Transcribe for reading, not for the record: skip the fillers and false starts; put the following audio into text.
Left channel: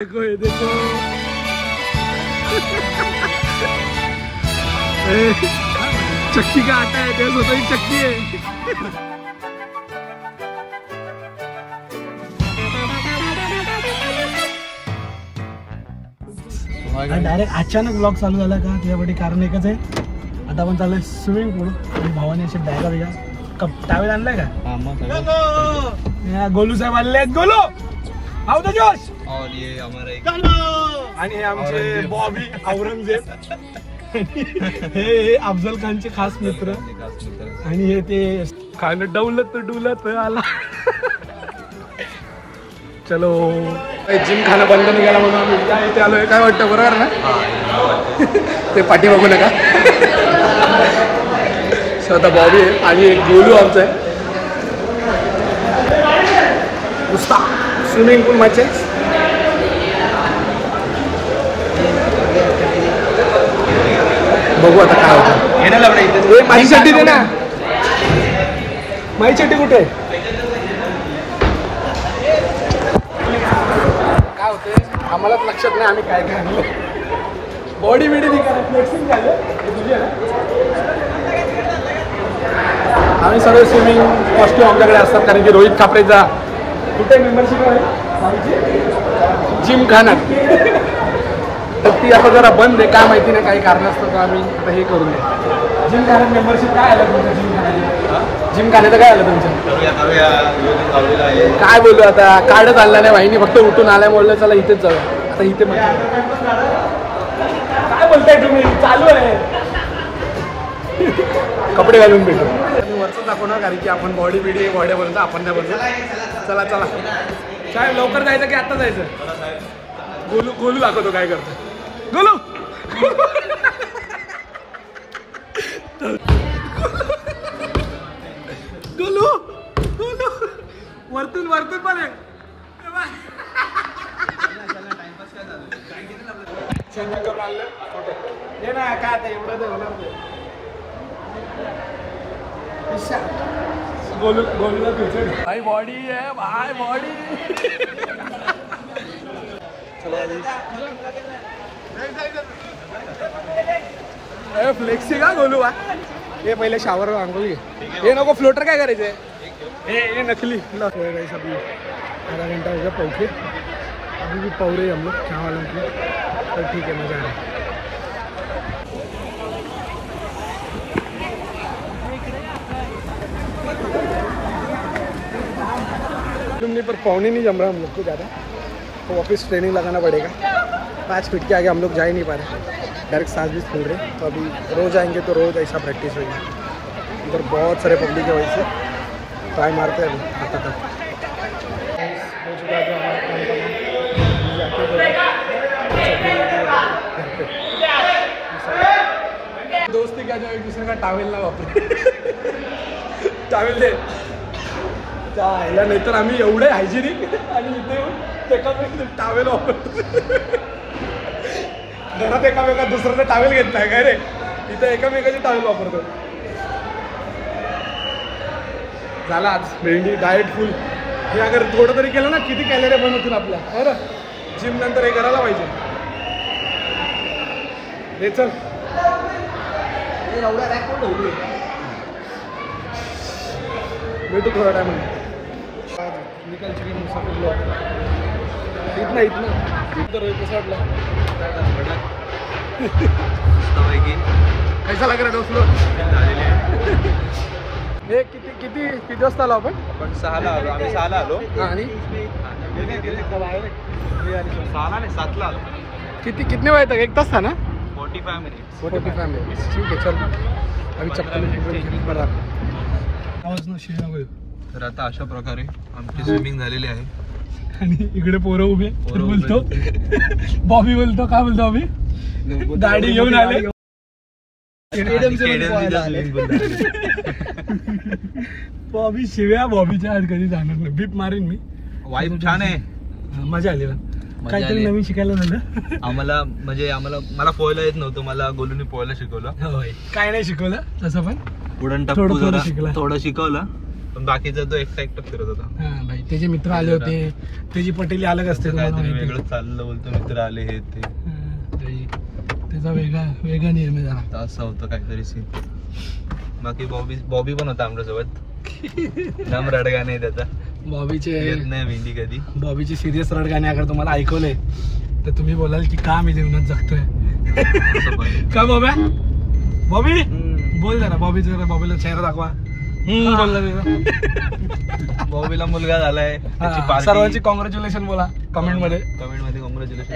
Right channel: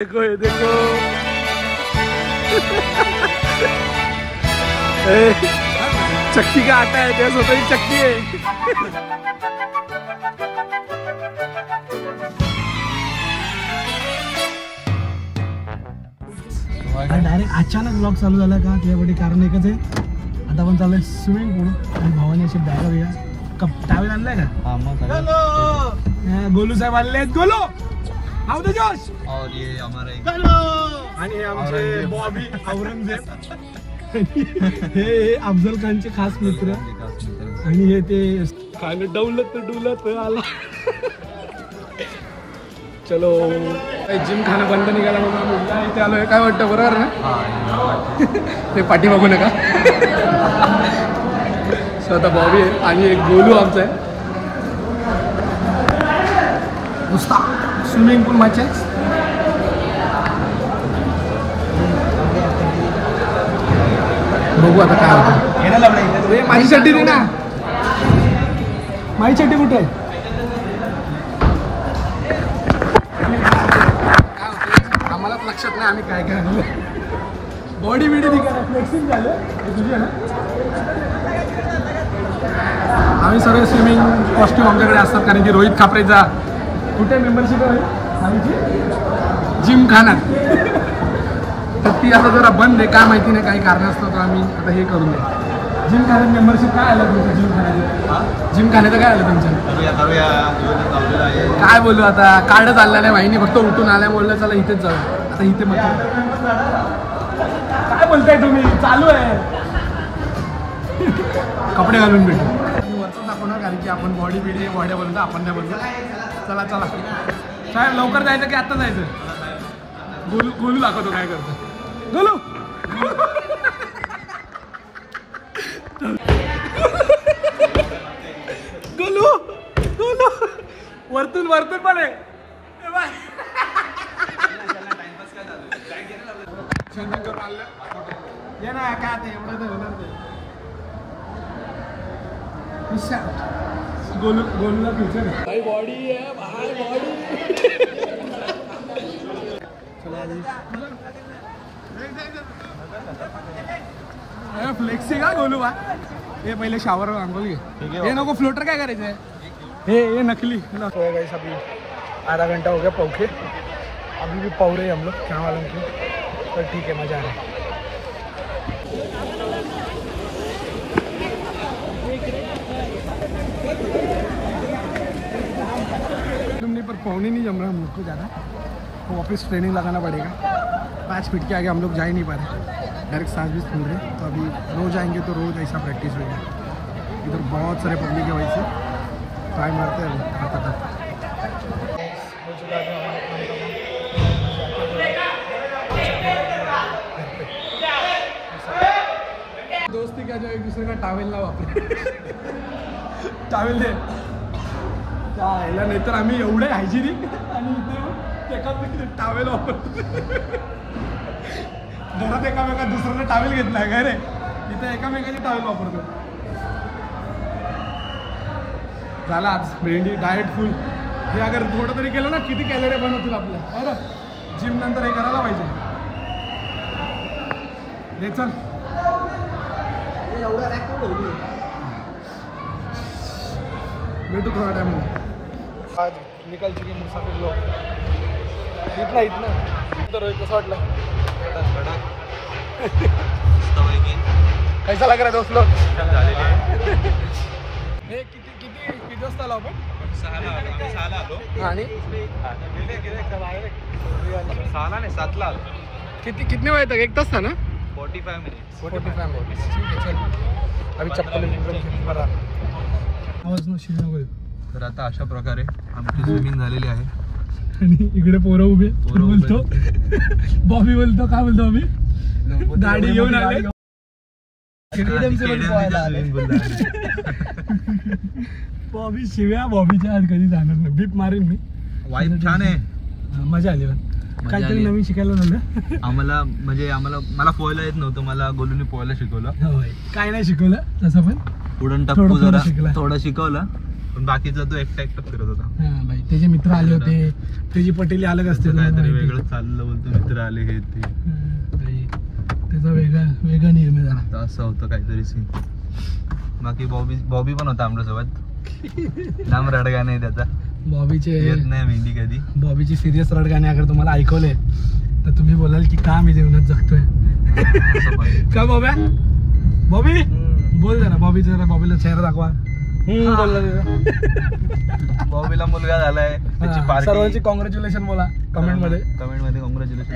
देखो ये देखो चक्की का आटा है, क्या सोचो ही चक्की है। डायरेक्ट अचानक ब्लॉग चालू झाला का त्यासाठी कारण एकच आहे, आता आपण चालू स्विमिंग पूल आणि भावाने अशी बॅगा बिगा कप टावेल आणलाय का? गोलू साहेब आलेले आहेत. गोलू हाऊ द जोश. और ये हमारा एक औरंगजेब हे अफजल खानचे खास मित्र आणि हे ते खायला डवलत आला. चलो जिम खाणं बंद निघाला म्हणून आम्ही इथे आलोय. काय वाटतं बरोबर ना? ते पाठी बघू नका. स्वतः बॉबी आहे आणि एक गोलू आमचा आहे. नुसता स्विमिंग पूल मच्छा बघू आता काय होतं. माझी चड्डी दे ना. माझी चड्डी कुठे आहे? काय होतं आम्हालाच लक्षात नाही आम्ही काय काय आणलं. बॉडी बिडी फ्लेक्सिंग झालं तुझी आहे ना. आम्ही सगळे स्विमिंग कॉस्ट्यूम आमच्याकडे असतात कारण की रोहित खापरेचा कुठे मेंबरशिप आहे जिम खानात. तर ती आता जरा बंद आहे, काय माहिती नाही काही कारण असतं तर आम्ही आता हे करून द्या. जिम खानात मेंबरशिप काय आलं तुमचं? जिम खाण्याचं काय आलं तुमचं? काय बोलू आता, कार्ड चालला नाही वाहिनी, फक्त उठून आल्या बोललं चला इथेच जाऊया. आता इथे मग काय बोलताय तुम्ही? चालू आहे. कपडे घालून भेटू. मी वरचं दाखवणार कारण की आपण बॉडी बिडी बॉडी बनवतो, आपण नाही बनवतो. चला चला साहेब लवकर जायचं की आत्ता जायचं? गोलू गोलू दाखवतो काय करतो. गोलू गोलू गोलू वरतून वरतून पण आहे. हे ना काय आता एवढं तर होणार. गोलू गोलूला फ्युचर भाई बॉडी आहे भाई बॉडी. फ्लेक्सी का गोलू बा. हे पहिले शावर आंघोळ घे. हे नको फ्लोटर काय करायचंय? हे नकली. तो गाइस अभी आधा घंटा हो गया पौखे. अभी भी पौ रहे हम लोग क्या वालों की. तो ठीक है मजा आ रहा है. पर पौने नहीं जम रहा हम लोग को ज़्यादा, तो वापस ट्रेनिंग लगाना पड़ेगा. 5 फीट के आगे हम लोग जा ही नहीं पा रहे, डायरेक्ट सांस भी फूल रहे. तो अभी रोज़ आएंगे तो रोज़ ऐसा प्रैक्टिस होगी. इधर बहुत सारे पब्लिक है, वही से ट्राई मारते हैं अभी तक. हो चुका जो हमारा काम तमाम. जाके घर पे दोस्ती क्या जो एक दूसरे का टावेल ना वापरे. टावेल दे ह्याला, नाहीतर आम्ही एवढे हायजेनिक आणि इथे एकामेकांचे टावेल वापरतो. घरात एकामेका दुसऱ्याचा टावेल घेत नाही काय रे, इथे एकामेकाचे टावेल वापरतो. झाला आज मेंढी डाएट फुल. हे अगर थोडं तरी केलं ना किती कॅलरी बंद होतील आपल्या. बरं जिम नंतर हे करायला पाहिजे. हे चल भेटू थोडा टाइम. आज निकाल चुके मुसाफिर लोग. इतना इतना इधर रोहित कसं वाटलं? कैसा लग रहा है दोस्त लोग? हे किती किती किती वाजता आलो आपण? 6ला आलो. आणि 7ला आलो. कितने बजे तक? 1 तास था ना? 45 मिनिट्स. ठीक आहे चल. अभी चप्पल बरं. तर आता अशा प्रकारे आमची स्विमिंग झालेली आहे आणि इकडे पोरं उभे. बोलतो बॉबी बोलतो काय बोलतो आम्ही गाडी घेऊन आले. बॉबी शिव्या बॉबीच्या आज कधी जाणार नाही. बीप मारेन मी. वाईब छान आहे. मजा आली. काहीतरी नवीन शिकायला झालं आम्हाला. म्हणजे मला पोहायला येत नव्हतं, मला गोलूने पोहायला शिकवलं. काय नाही शिकवलं तसं पण उडण टाकू जरा थोडं शिकवलं, पण बाकीचा तो एकटा फिरत होता. त्याचे मित्र आले होते, त्याची पटेली अलग असते, तुम्हाला काहीतरी माहिती आहे. वेगळं चाललं बोलतो, मित्र आले हे ते. त्याचा वेगळा नियम आहे जरा. तर असं होतं काहीतरी सीन. बाकी बॉबी पण होता आमच्यासोबत. जाम रडगा नाही त्याचा, बॉबीचे येत नाही मेहंदी कधी. बॉबीचे सिरियस रड गाणे अगर तुम्हाला ऐकवले तर तुम्ही बोलाल की का मी जीवनात जगतोय. असं पण. का बॉब्या? बॉबी बोल जरा, बॉबीला चेहरा दाखवा. बॉबीला मुलगा झालाय, त्याची पार्टी. सर्वांची कॉंग्रॅच्युलेशन बोला कमेंट मध्ये. कमेंट मध्ये कॉंग्रॅच्युलेशन.